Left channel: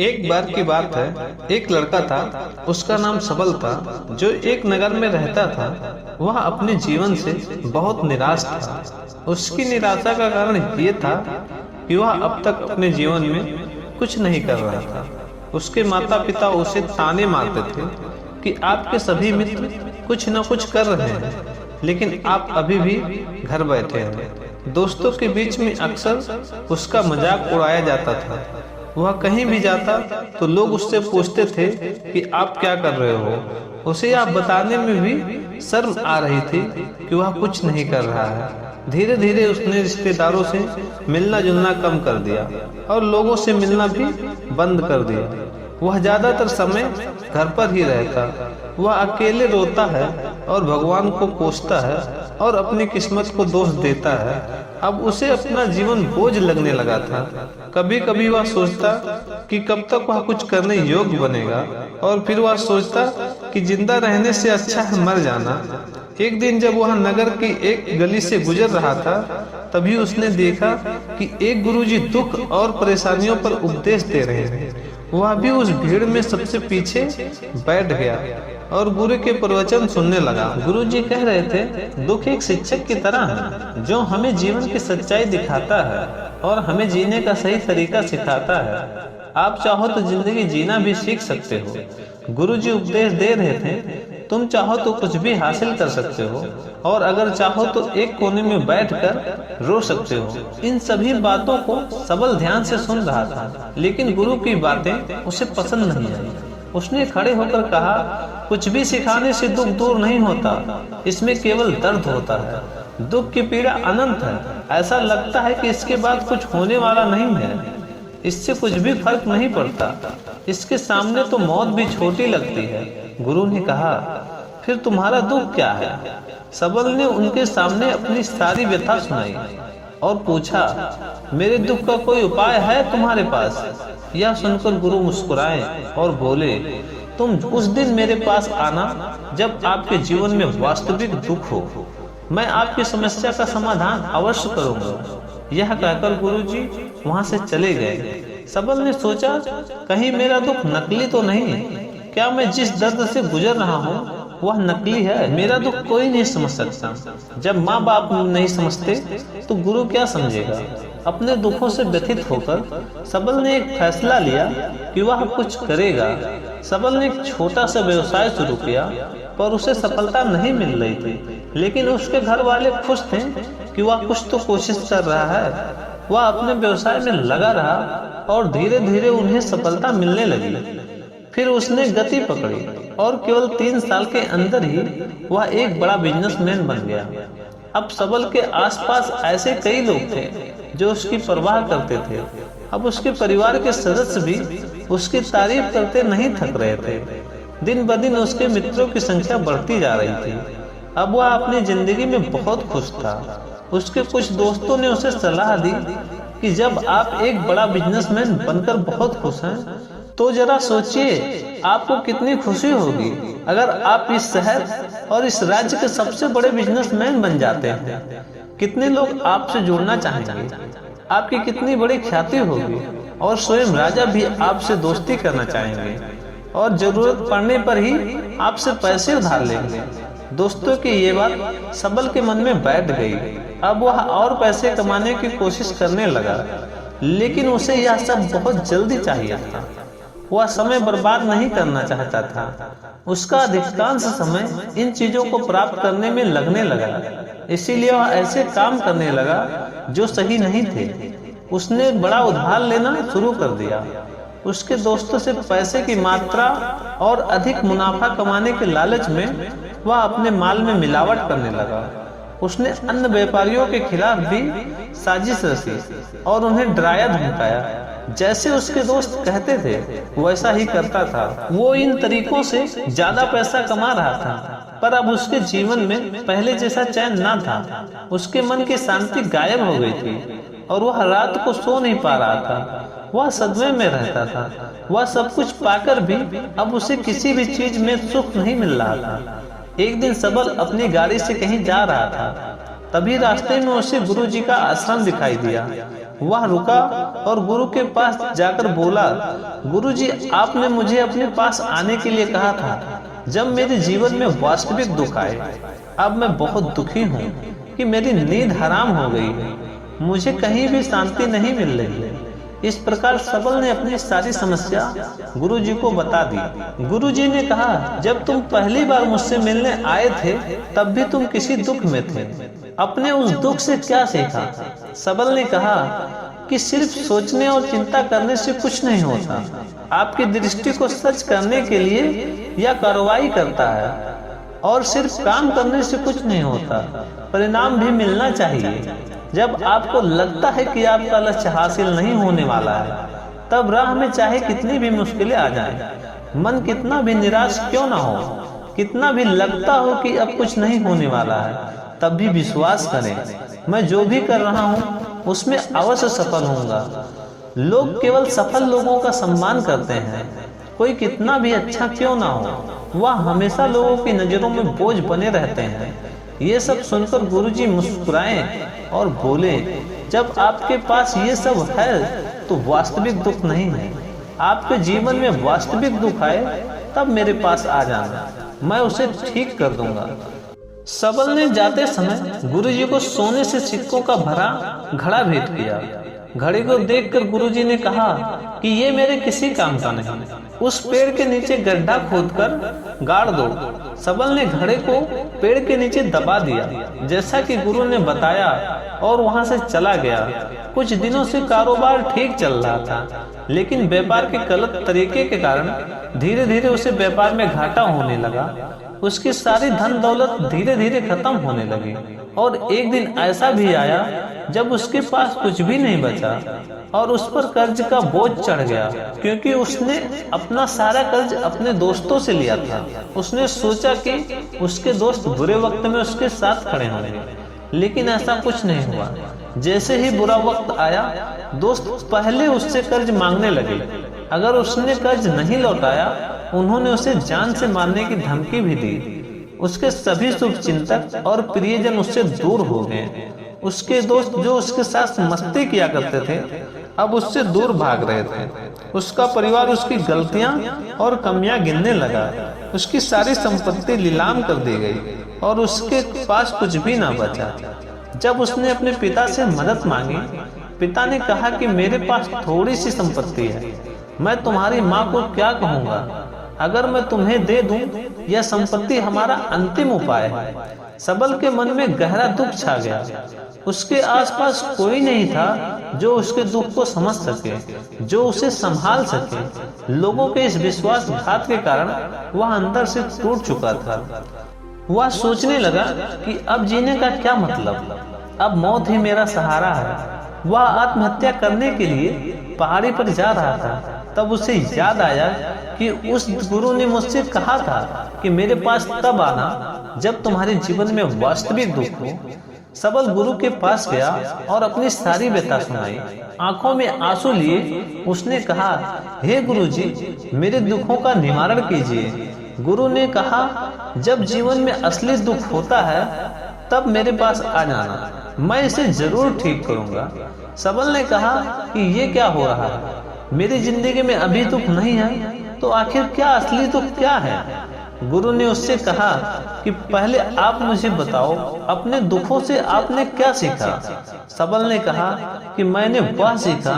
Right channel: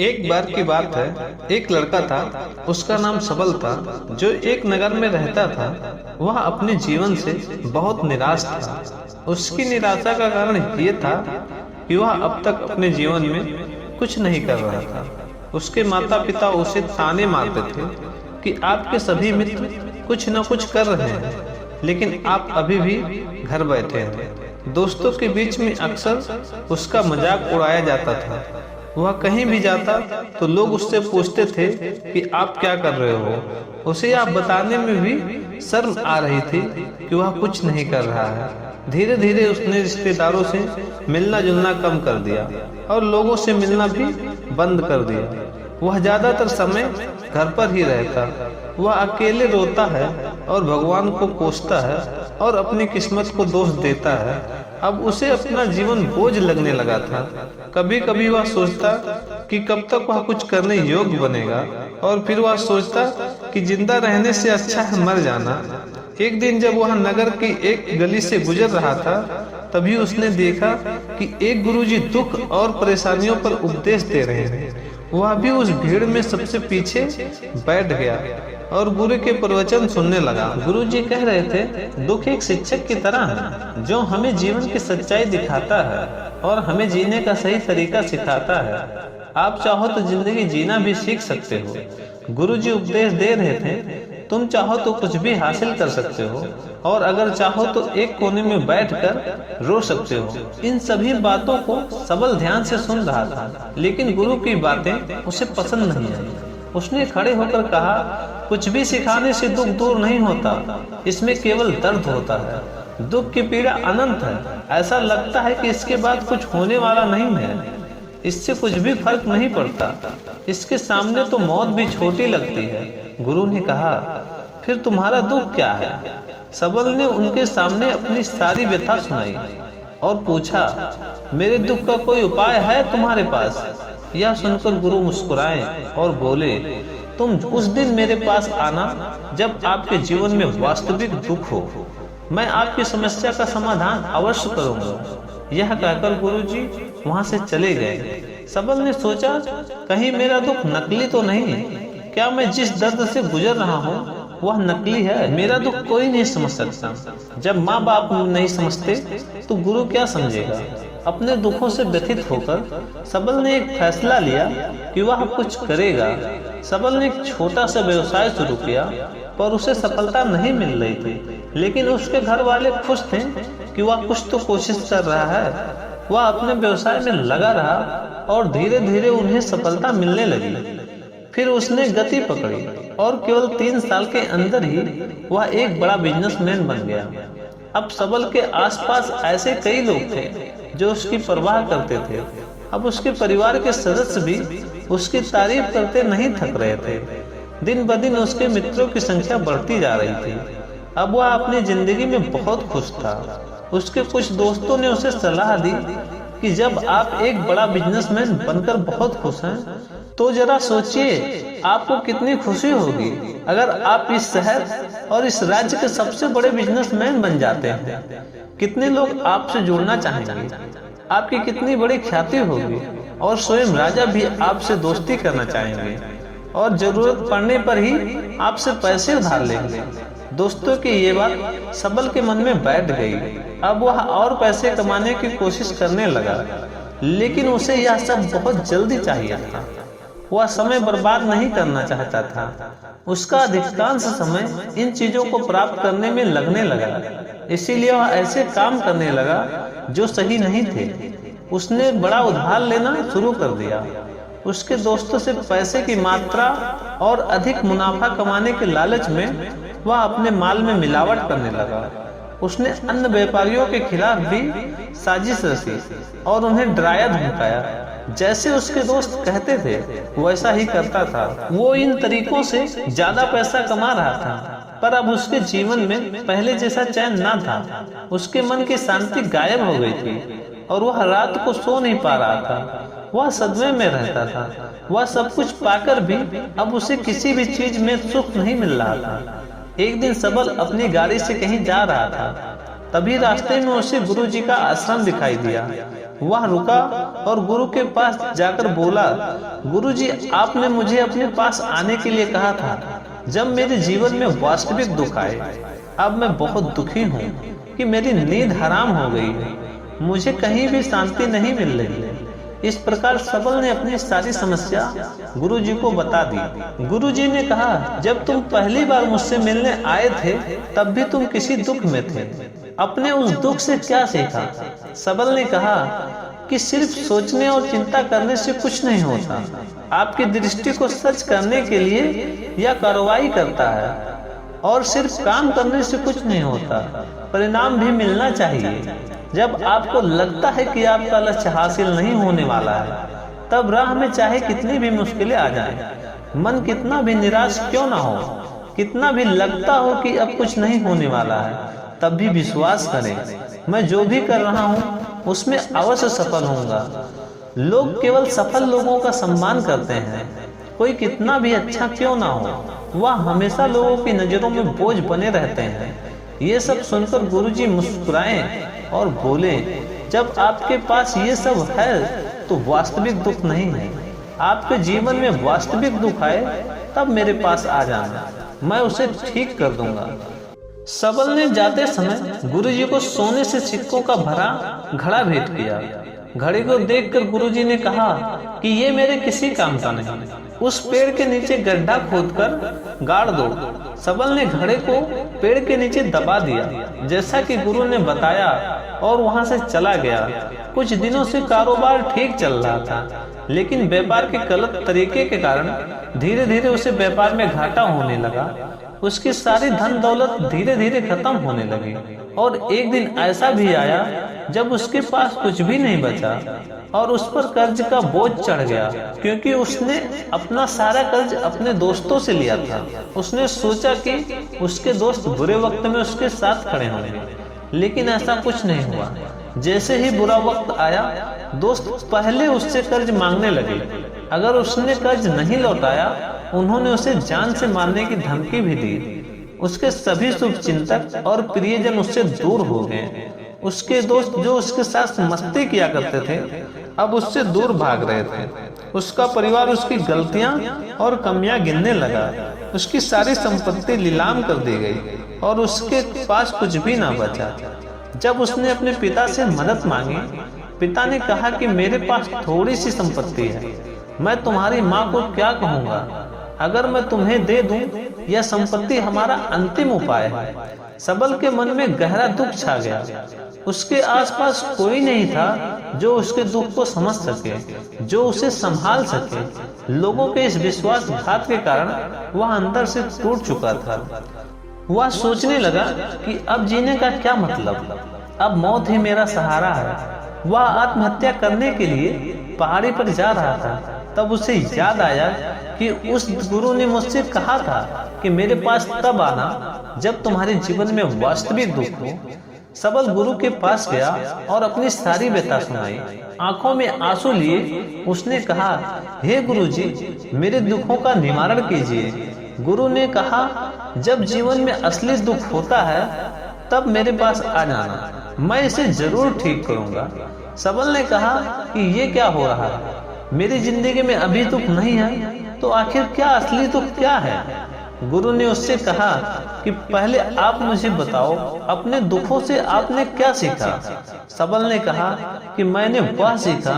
एक बार की बात है, एक लड़का था। उसका नाम सबल था, जो एक नगर में रहता था। वह अपने जीवन से बहुत निराश था। उसकी निराशा का कारण ये था कि वह अब तक अपने जीवन में कुछ नहीं कर रहा था। उसके माता पिता उसे ताने मारते थे कि आपके सभी मित्र कुछ न कुछ कर रहे हैं, लेकिन आप अभी भी घर बैठे हैं। दोस्तों के बीच में अक्सर उसका मजाक उड़ाया जाता था। वह कहीं भी जाता तो लोग उससे पूछते थे कि आप क्या कर रहे हो। उसे यह बताने में भी शर्म आ रही थी कि वह कुछ नहीं कर रहा है। धीरे धीरे उसने रिश्तेदारों से मिलना जुलना कम कर दिया और लोगों से मिलना भी बंद कर दिया। वह ज्यादातर समय घर पर ही रहता। वह अकेले रोता है और भगवान को कोसता है और अपनी किस्मत को दोष देता है। अब उसे अपना जीवन बोझ लगने लगा था। कभी कभी वह सोचता कि कब तक वह कुछ करने योग्य बनेगा, और फिर वह सोचता कि जिंदा रहने से अच्छा है मर जाना। एक दिन जब वह नगर की एक गली से गुजर रहा था, तभी उसने देखा कि एक गुरुजी दुख और परेशानियों पर उपदेश दे रहे थे। वह भी उस भीड़ में सबसे पीछे बैठ गया और गुरु के प्रवचन सुनने लगा। गुरुजी कह रहे थे, दुख एक शिक्षक की तरह है जो हमें जीवन की सच्चाई दिखाता है और हमें जीने का सही तरीका सिखाता है। आप चाहो तो जिंदगी जीना भी सीख सकते हो। गुरुजी उपदेश दे रहे थे, तुम चाहो तो कुछ भी हासिल कर सकते हो, और अगर चाहो तो एक कोने में बैठकर रो सकते हो। इन सभी बातों को सबल ध्यान से सुन रहा था, लेकिन गुरु की बातें उसे पसंद नहीं आई। उसने खड़े होकर कहा, कुछ भी सिखाने से दुख दूर नहीं होता, इसमें केवल दर्द होता है। दुख की पीड़ा अनंत है। ऐसा लगता है कि इसके बाद कुछ होने वाला नहीं है। इससे कुछ भी फर्क नहीं पड़ता। इसके सामने तो मौत भी छोटी लगती है। गुरु ने कहा, फिर तुम्हारा दुख क्या है? सबल ने उनके सामने अपनी सारी व्यथा सुनाई और पूछा, मेरे दुख का कोई उपाय है तुम्हारे पास? यह सुनकर गुरु मुस्कुराए और बोले, तुम उस दिन मेरे पास आना जब आपके जीवन में वास्तविक दुख हो। मैं आपकी समस्या का समाधान अवश्य करूंगा। यह कहकर गुरुजी वहां से चले गए। सबल ने सोचा, कहीं मेरा दुख नकली तो नहीं है? क्या मैं जिस दर्द से गुजर रहा हूँ वह नकली है? मेरा दुख कोई नहीं समझ सकता। जब माँ बाप नहीं समझते तो गुरु क्या समझेगा? अपने दुखों से व्यथित होकर सबल ने एक फैसला लिया कि वह कुछ करेगा। सबल ने एक छोटा सा व्यवसाय शुरू किया, पर उसे सफलता नहीं मिल रही थी। लेकिन उसके घर वाले खुश थे कि वह कुछ तो कोशिश कर रहा है। वह अपने व्यवसाय में लगा रहा और धीरे धीरे उन्हें सफलता मिलने लगी। फिर उसने गति पकड़ी और केवल 3 साल के अंदर ही वह एक बड़ा बिजनेसमैन बन गया। अब सबल के आसपास ऐसे कई लोग थे जो उसकी परवाह करते थे। अब उसके परिवार के सदस्य भी उसकी तारीफ करते नहीं थक रहे थे। दिन ब दिन उसके मित्रों की संख्या बढ़ती जा रही थी। अब वह अपनी जिंदगी में बहुत खुश था। उसके कुछ दोस्तों ने उसे सलाह दी कि जब आप एक बड़ा बिजनेसमैन बनकर बहुत खुश हैं, तो जरा सोचिए आपको कितनी खुशी होगी अगर आप इस शहर और इस राज्य के सबसे बड़े बिजनेसमैन बन जाते हैं। कितने लोग आपसे जुड़ना चाहेंगे, आपकी कितनी बड़ी ख्याति होगी, और स्वयं राजा भी आपसे दोस्ती करना चाहेंगे और जरूरत पड़ने पर ही आपसे पैसे उधार लेंगे। दोस्तों की ये बात सबल के मन में बैठ गई। अब वह और पैसे कमाने की कोशिश करने लगा, लेकिन उसे यह सब बहुत जल्दी चाहिए था। वह समय बर्बाद नहीं करना चाहता था। उसका अधिकांश समय इन चीजों को प्राप्त करने में लगने लगा। इसीलिए वह ऐसे काम करने लगा जो सही नहीं थे। उसने बड़ा उधार लेना शुरू कर दिया। उसके दोस्तों से पैसे की मात्रा और अधिक मुनाफा कमाने के लालच में वह अपने माल में मिलावट करने लगा। उसने अन्य व्यापारियों के खिलाफ भी साजिश रची और उन्हें डराया धमकाया। जैसे उसके दोस्त कहते थे वैसा ही करता था। वो इन तरीकों से ज्यादा पैसा कमा रहा था, पर अब उसके जीवन में पहले जैसा चैन न था। उसके मन की शांति गायब हो गई थी और वह रात को सो नहीं पा रहा था। वह सदमे में रहता था। वह सब कुछ पाकर भी अब उसे किसी भी चीज में सुख नहीं मिल रहा था। एक दिन सबल अपनी गाड़ी से कहीं जा रहा था। तभी रास्ते में उसे गुरुजी का आश्रम दिखाई दिया। वह रुका और गुरु के पास जाकर बोला, गुरुजी, आपने मुझे अपने पास आने के लिए कहा था जब मेरे जीवन में वास्तविक दुख आए। अब मैं बहुत दुखी हूँ कि मेरी नींद हराम हो गई है, मुझे कहीं भी शांति नहीं मिल रही है। इस प्रकार सबल ने अपनी सारी समस्या गुरुजी को बता दी। गुरुजी ने कहा, जब तुम पहली बार मुझसे मिलने आए थे तब भी तुम किसी दुख में थे, अपने उस दुख से क्या सीखा? सबल ने कहा कि सिर्फ सोचने और चिंता करने से कुछ नहीं होता, आपकी दृष्टि को सच करने के लिए यह कार्रवाई करता है, और सिर्फ काम करने से कुछ नहीं होता, परिणाम भी मिलना चाहिए। जब आपको लगता है कि आपका लक्ष्य हासिल नहीं होने वाला है, तब राह में चाहे कितनी भी मुश्किलें आ जाए, मन कितना भी निराश क्यों ना हो, कितना भी लगता हो कि अब कुछ नहीं होने वाला है, तब भी विश्वास करें, मैं जो भी कर रहा हूँ उसमें अवश्य सफल होऊंगा। लोग केवल सफल लोगों का सम्मान करते हैं, कोई कितना भी अच्छा क्यों ना हो, वह हमेशा लोगों की नजरों में बोझ बने रहते हैं। ये सब सुनकर गुरुजी मुस्कुराए और बोले, जब आपके पास ये सब है तो वास्तविक दुख नहीं है। आपके जीवन में वास्तविक दुख आए तब मेरे पास आ जाना, मैं उसे ठीक कर दूंगा। सबल ने जाते समय गुरुजी को सोने से सिक्कों का भरा घड़ा भेंट किया। घड़े को देखकर गुरुजी ने कहा कि ये मेरे किसी काम का नहीं, उस पेड़ के नीचे गड्ढा खोदकर गाड़ दो। सबल ने घड़े को पेड़ के नीचे दबा दिया जैसा कि गुरु ने बताया और वहां से चला गया। कुछ दिनों से कारोबार ठीक चल रहा था, लेकिन व्यापार के गलत तरीके के कारण धीरे धीरे उसे व्यापार में घाटा होने लगा। उसकी सारी धन दौलत धीरे धीरे खत्म होने लगी और एक दिन ऐसा भी आया जब उसके पास कुछ भी नहीं बचा और उस पर कर्ज का बोझ चढ़ गया, क्योंकि उसने अपना सारा कर्ज अपने दोस्तों से लिया था। उसने सोचा कि उसके दोस्त बुरे वक्त में उसके साथ खड़े होंगे, लेकिन ऐसा कुछ नहीं हुआ। जैसे ही बुरा वक्त आया, दोस्त पहले उससे कर्ज मांगने लगे। अगर उसने कर्ज नहीं लौटाया, उन्होंने उसे जान से मारने की धमकी भी दी। उसके सभी शुभचिंतक और प्रियजन उससे दूर हो गए। उसके दोस्त जो उसके साथ मस्ती किया करते थे, अब उससे दूर भाग रहे थे। उसका परिवार उसकी गलतियां और कमियां गिनने लगा। उसकी सारी संपत्ति नीलाम कर दी गई और उसके पास कुछ भी ना बचा। जब उसने अपने पिता से मदद मांगी, पिता ने कहा कि मेरे पास थोड़ी सी संपत्ति है, मैं तुम्हारी माँ को क्या कहूँगा? अगर मैं तुम्हें दे दूं, यह संपत्ति हमारा अंतिम उपाय है। सबल के मन में गहरा दुख छा गया। उसके आसपास कोई नहीं था जो उसके दुख को समझ सके, जो उसे संभाल सके। लोगों के इस विश्वासघात के कारण वह अंदर से टूट चुका था। वह सोचने लगा कि अब जीने का क्या मतलब, अब मौत ही मेरा सहारा है। वह आत्महत्या करने के लिए पहाड़ी पर जा रहा था, तब उसे याद आया कि उस गुरु ने मुझसे कहा था कि मेरे पास तब आना जब तुम्हारे जीवन में वास्तविक दुख हो। सबल गुरु के पास गया और अपनी सारी व्यथा सुनाई। आंखों में आंसू लिए उसने कहा, हे गुरुजी, मेरे दुखों का निवारण कीजिए। गुरु ने कहा, जब जीवन में असली दुख होता है तब मेरे पास आ जाना, मैं इसे जरूर ठीक करूंगा। सबल ने कहा कि ये क्या हो रहा है, मेरी जिंदगी में अभी दुख नहीं है, तो आखिर क्या असली दुख क्या है? गुरु ने उससे कहा कि पहले आप मुझे बताओ, अपने दुखों से आपने क्या सीखा? सबल ने कहा कि मैंने वह सीखा,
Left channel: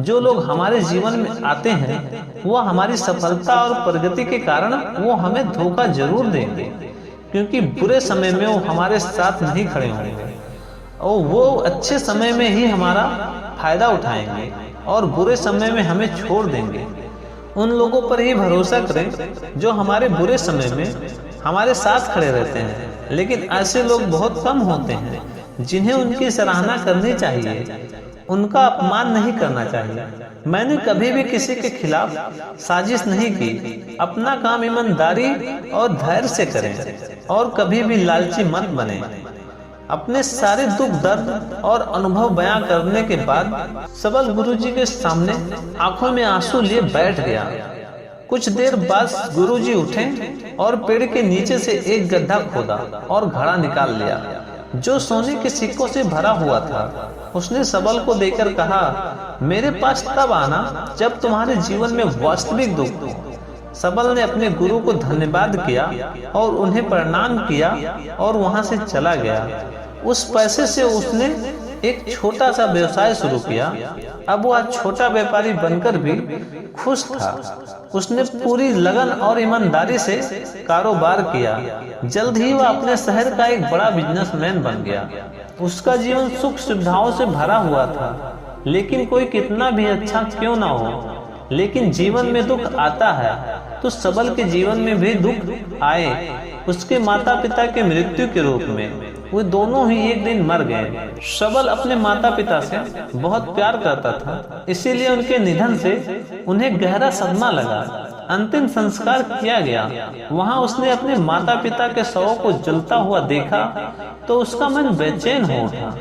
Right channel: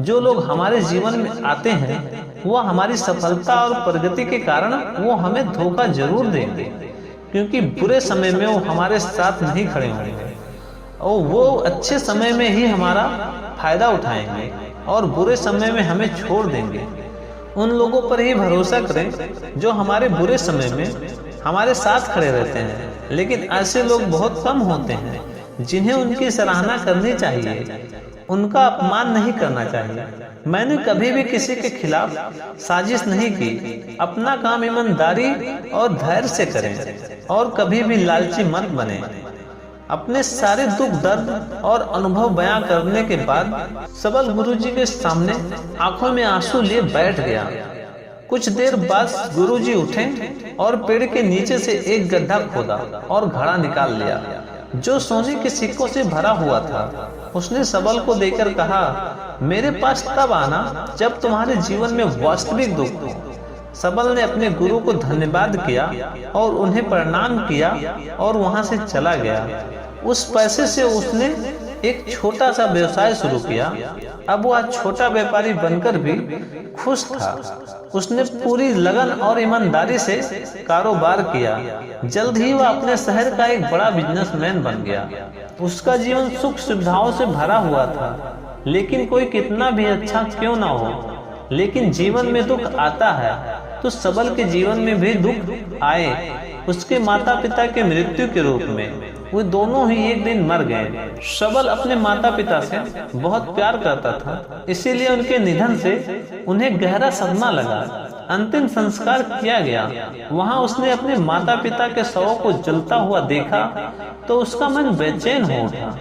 जो लोग हमारे जीवन में आते हैं वह हमारी सफलता और प्रगति के कारण वो हमें धोखा जरूर देंगे, क्योंकि बुरे समय में वो हमारे साथ नहीं खड़े होंगे और वो अच्छे समय में ही हमारा फायदा उठाएंगे और बुरे समय में हमें छोड़ देंगे। उन लोगों पर ही भरोसा करें जो हमारे बुरे समय में हमारे साथ खड़े रहते हैं, लेकिन ऐसे लोग बहुत कम होते हैं जिन्हें उनकी सराहना करनी चाहिए, उनका अपमान नहीं करना चाहिए। मैंने कभी भी किसी के खिलाफ साजिश नहीं की। अपना काम ईमानदारी और धैर्य से करें और कभी भी लालची मत बने। अपने सारे दुख दर्द और अनुभव बयां करने के बाद सबल गुरुजी के सामने आंखों में आंसू लिए बैठ गया। कुछ देर बाद गुरुजी उठे और पेड़ के नीचे से एक गड्ढा खोदा और घड़ा निकाल लिया जो सोने के सिक्कों से भरा हुआ था। उसने सबल को देखकर कहा, मेरे पास तब आना जब तुम्हारे जीवन में वास्तविक दुख हो। सबल ने अपने गुरु को धन्यवाद किया और उन्हें प्रणाम किया और वहां से चला गया। उस पैसे से उसने एक छोटा सा व्यवसाय शुरू किया। अब वह छोटा व्यापारी बनकर भी खुश था। उसने पूरी लगन और ईमानदारी से कारोबार किया। जल्द ही वह अपने शहर का एक बड़ा बिजनेसमैन बन गया। उसका जीवन सुख सुविधाओं से भरा हुआ था। लेकिन कोई कितना भी अच्छा क्यों ना हो, लेकिन जीवन में दुख आता है तो सबल के जीवन में भी दुख आए। उसके माता पिता के मृत्यु के रूप में वो दोनों ही एक दिन मर गए। सबल अपने माता पिता से बहुत प्यार करता था, इसीलिए उनके निधन से उन्हें गहरा सदमा लगा। अंतिम संस्कार किया गया। वहां उसने अपने माता पिता के शवों को जलता हुआ देखा तो उसका मन बेचैन हो उठा।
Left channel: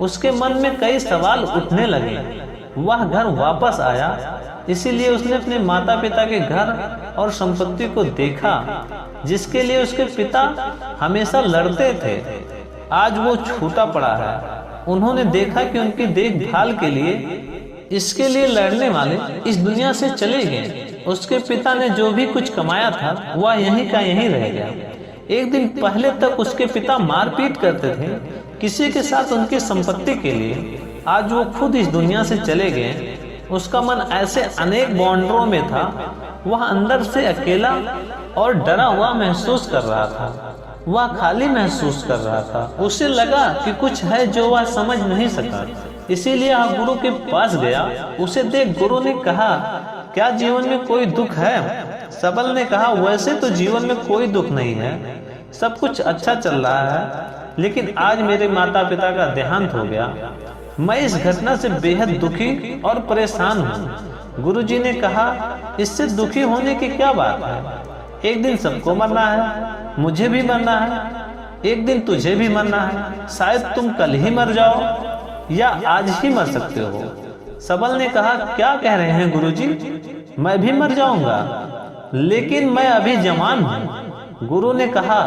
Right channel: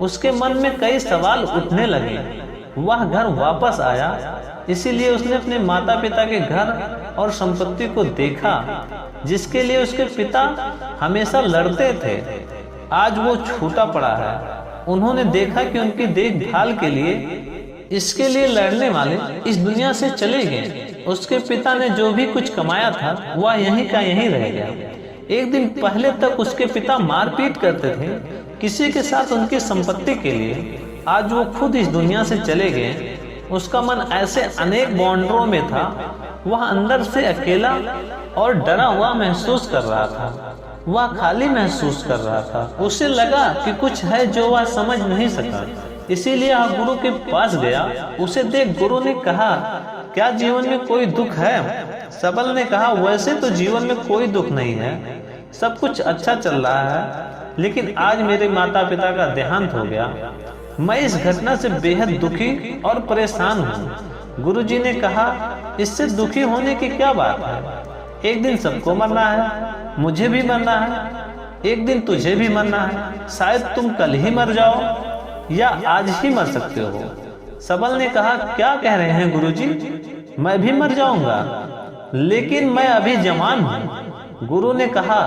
उसके मन में कई सवाल उठने लगे। वह घर वापस आया, इसीलिए उसने अपने माता पिता के घर और संपत्ति को देखा जिसके लिए उसके पिता हमेशा लड़ते थे। आज वो छूटा पड़ा है। उन्होंने देखा कि उनकी देखभाल के लिए इसके लिए लड़ने वाले इस दुनिया से चले गए। उसके पिता ने जो भी कुछ कमाया था वह यहीं का यहीं रह गया। एक दिन पहले तक उसके पिता मारपीट करते थे किसी के साथ उनकी संपत्ति के लिए। आज वो खुद इस दुनिया से चले गए। उसका मन ऐसे अनेक बॉन्डरों में था। वह अंदर से अकेला और डरा हुआ महसूस कर रहा था। वह खाली महसूस कर रहा था। उसे लगा कि कुछ है जो वह समझ नहीं सका, इसीलिए वह गुरु के पास गया। उसे देख गुरु ने कहा, क्या जीवन में कोई दुख है? सबल ने कहा, वैसे तो जीवन में कोई दुख नहीं है, सब कुछ अच्छा चल रहा है, लेकिन आज मेरे माता पिता का देहांत हो गया। मैं इस घटना से बेहद दुखी और परेशान हूँ। गुरुजी ने कहा, इससे दुखी होने की क्या बात है? एक दिन सबको मरना है, मुझे भी मरना है, एक दिन तुझे भी मरना है। शायद तुम कल ही मर जाओ या आज ही मर सकते हो। सबल ने कहा, क्या कह रहे हैं गुरुजी? मैं भी मर जाऊंगा, लेकिन मैं अभी जवान हूँ। गुरु ने कहा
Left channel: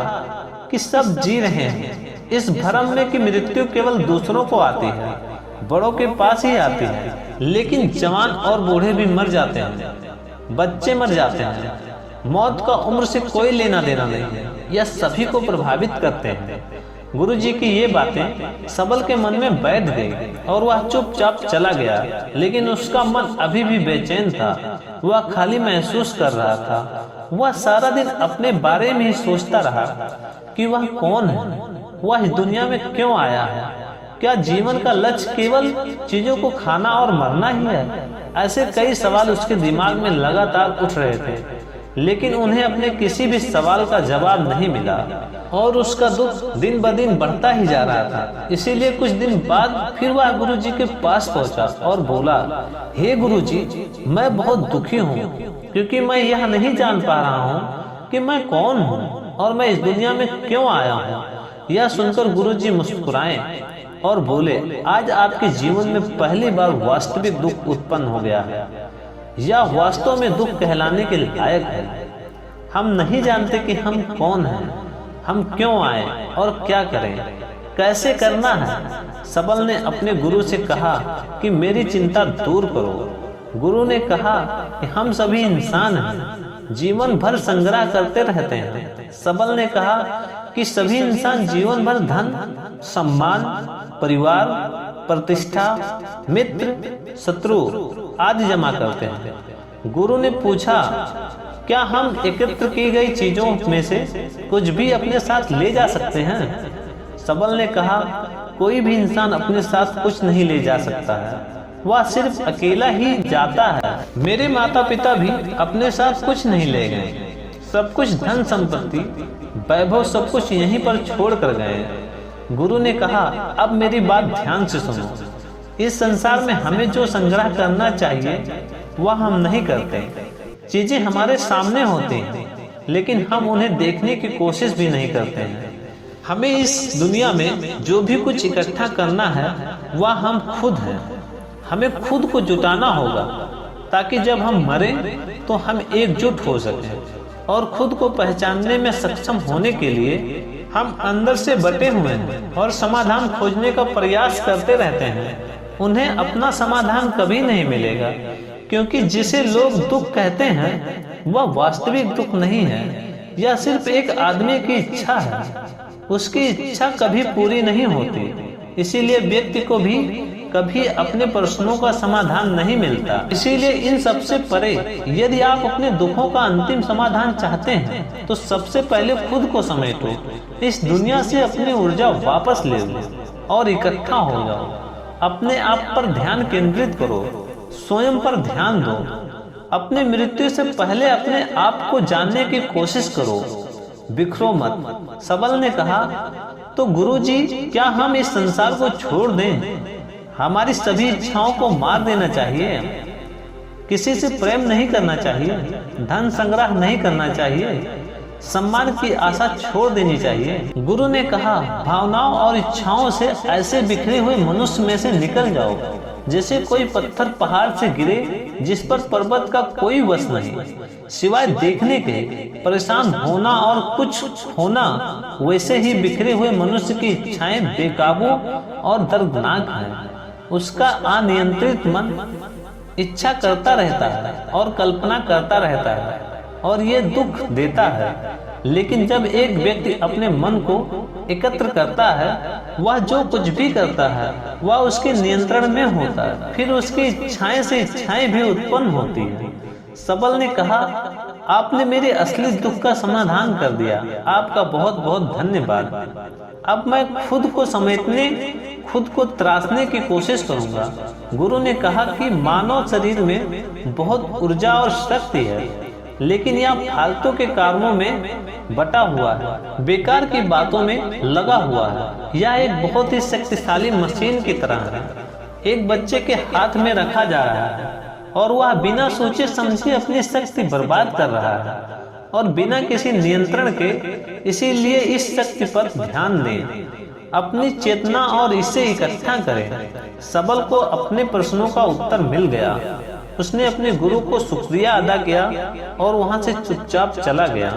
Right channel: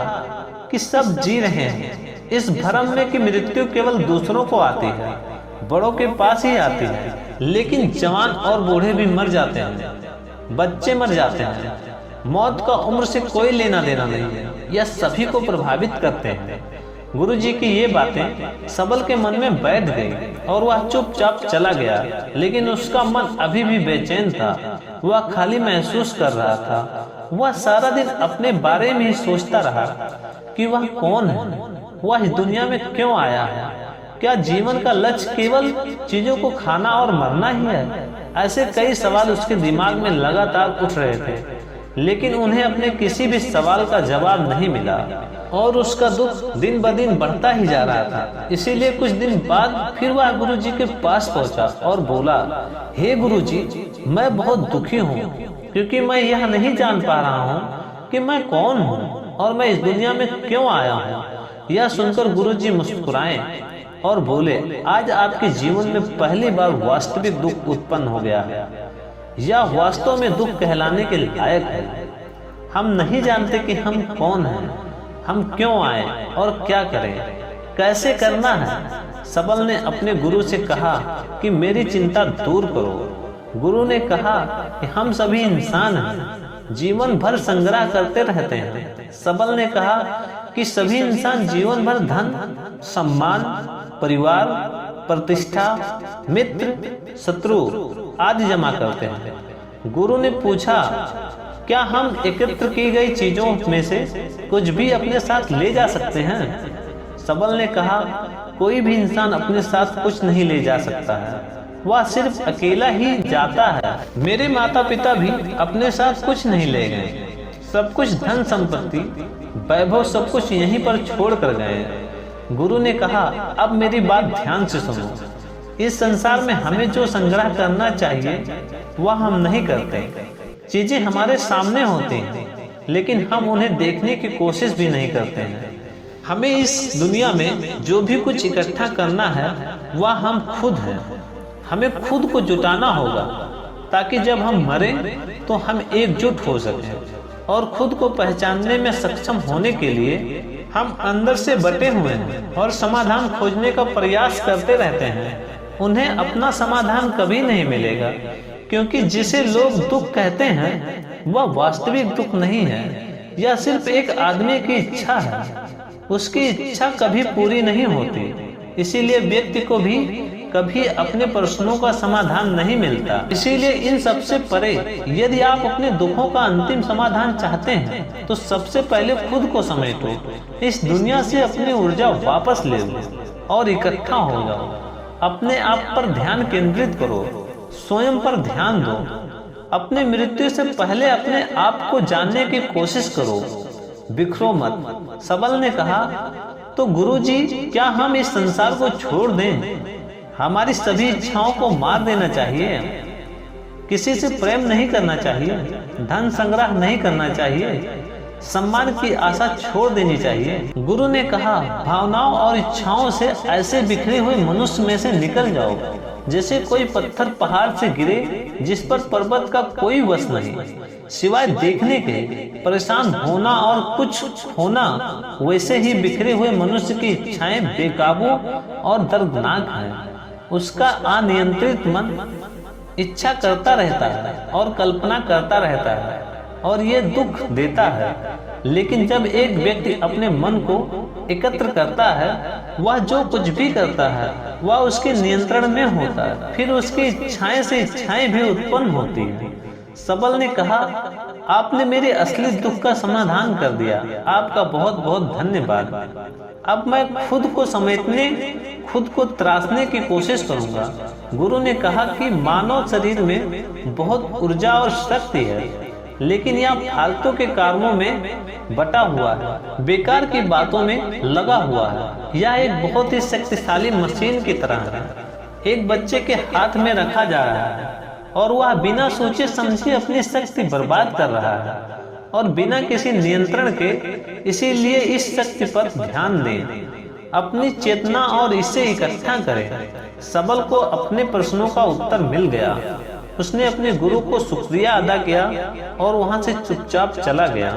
कि सब जी रहे हैं इस भ्रम में कि मृत्यु केवल दूसरों को आती है, बड़ों के पास ही आती है। लेकिन जवान और बूढ़े भी मर जाते हैं, बच्चे मर जाते हैं। मौत का उम्र से कोई लेना देना नहीं है, यह सभी को प्रभावित करते हैं। गुरुजी की ये बातें सबल के मन में बैठ गई और वह चुपचाप चला गया। लेकिन उसका मन अभी भी बेचैन था। वह खाली महसूस कर रहा था। वह सारा दिन अपने बारे में ही सोचता रहा कि वह कौन है, वह इस दुनिया में क्यों आया है। क्या जीवन का लक्ष्य केवल चीजों को खाना और मरना ही है? ऐसे कई सवाल उसके दिमाग में लगातार उठ रहे थे, लेकिन उन्हें अपने किसी भी सवाल का जवाब नहीं मिला और उसका दुख दिन ब दिन बढ़ता ही जा रहा था। इसीलिए कुछ दिन बाद फिर वह गुरुजी के पास पहुंचा और बोला, हे गुरुजी, मैं बहुत दुखी हूँ क्योंकि मैं यह नहीं जान पा रहा हूँ कि मैं कौन हूँ और मैं इस दुनिया में क्यों आया हूँ। यह सुनकर गुरुजी मुस्कुराए और बोले, आज आपके जीवन में पहली बार वास्तविक दुख उत्पन्न हो गया है। यह वास्तव में दुख कहलाने के लायक है। हम नहीं जानते कि हम कौन हैं, हम क्यों आए और क्या करें, कैसे करना है। सबल ने अपने गुरु से कहा कि मेरी चिंता दूर करो। गुरु ने कहा कि हम सभी इंसान हैं, जीवन भर संग्रह करते रहते हैं। सबल ने कहा कि सभी इंसान जीवन भर धन, सम्मान, परिवार, प्रतिष्ठा, मित्र, शत्रु आदि जमा करते हैं। गुरु ने पूछा, क्या हम एकत्र की गई चीजों में से कुछ भी अपने साथ ले जा सकते हैं? सबल ने कहा, कोई भी इंसान अपने साथ कुछ नहीं ले जा सकता है, वह सिर्फ अकेला ही जाता है। मेरे माता पिता भी अपने साथ कुछ नहीं ले गए। सब कुछ धन संपत्ति, वैभव सब कुछ यहीं पर छोड़ कर गए। गुरु ने कहा, अब मेरी बात ध्यान से सुनो। इस संसार में हमें जो संग्रह करना चाहिए वह हम नहीं करते। चीजें हमारे सामने होती हैं, लेकिन हम उन्हें देखने की कोशिश भी नहीं करते हैं। हमें इस दुनिया में जो भी कुछ इकट्ठा करना है वह हम खुद हैं। हमें खुद को जुटाना होगा ताकि जब हम मरें तो हम एकजुट हो सकें। और खुद को पहचानने में सक्षम होने के लिए हम अंदर से बटे हुए हैं और समाधान खोजने का प्रयास करते रहते हैं। उन्हें अपना समाधान कभी नहीं मिलेगा, क्योंकि जिसे लोग दुख कहते हैं वह वास्तविक दुख नहीं है। यह सिर्फ एक आदमी की इच्छा है। उसकी इच्छा कभी पूरी नहीं होती। इसीलिए व्यक्ति को भी कभी अपने प्रश्नों का समाधान नहीं मिलता। इसीलिए इन सबसे परे यदि आप अपने दुखों का अंतिम समाधान चाहते हैं तो सबसे पहले खुद को समेटो। इस दुनिया से अपनी ऊर्जा वापस ले लो और इकट्ठा हो जाओ। अपने आप पर ध्यान केंद्रित करो, स्वयं पर ध्यान दो। अपनी मृत्यु से पहले अपने आप को जानने की कोशिश करो, बिखरो मत। सबल ने कहा, तो गुरुजी, क्या हम इस संसार को छोड़ दें? हमारी सभी इच्छाओं को मार देना चाहिए। किसी से प्रेम नहीं करना चाहिए, धन संग्रह नहीं करना चाहिए, सम्मान की आशा छोड़ देनी चाहिए। गुरु ने कहा, भावनाओं और इच्छाओं से ऐसे बिखरे हुए मनुष्य में से निकल जाओ जैसे कोई पत्थर पहाड़ से गिरे जिस पर पर्वत का कोई वश नहीं, सिवाय देखने के। परेशान होना और कुछ खोना, वैसे ही बिखरे हुए मनुष्य की इच्छाएं बेकाबू और दर्दनाक हैं। उसका अनियंत्रित मन इच्छा करता रहता है और कल्पना करता रहता है और ये दुख देता है। लेकिन जब एक व्यक्ति अपने मन को एकत्र करता है, वह जो कुछ भी करता है वह उसके नियंत्रण में होता है। फिर उसकी इच्छाएं से इच्छाएं भी उत्पन्न होती है। सबल ने कहा, आपने मेरे असली दुख का समाधान कर दिया। आपका बहुत बहुत धन्यवाद। अब मैं खुद को समेटने, खुद को त्रासने की कोशिश करूंगा। गुरु ने कहा कि मानव शरीर में बहुत ऊर्जा और शक्ति है, लेकिन यह फालतू के कामों में बटा हुआ है, बेकार की बातों में लगा हुआ है। यह एक बहुत ही शक्तिशाली मशीन की तरह है, एक बच्चे के हाथ में रखा जा रहा है और वह बिना सोचे समझे अपनी शक्ति बर्बाद कर रहा है और बिना किसी नियंत्रण के। इसीलिए इस शक्ति पर ध्यान दें, अपनी चेतना और इसे इकट्ठा करें। सबल को अपने प्रश्नों का उत्तर मिल गया। उसने अपने गुरु को शुक्रिया अदा किया और वहां से चुपचाप चला गया।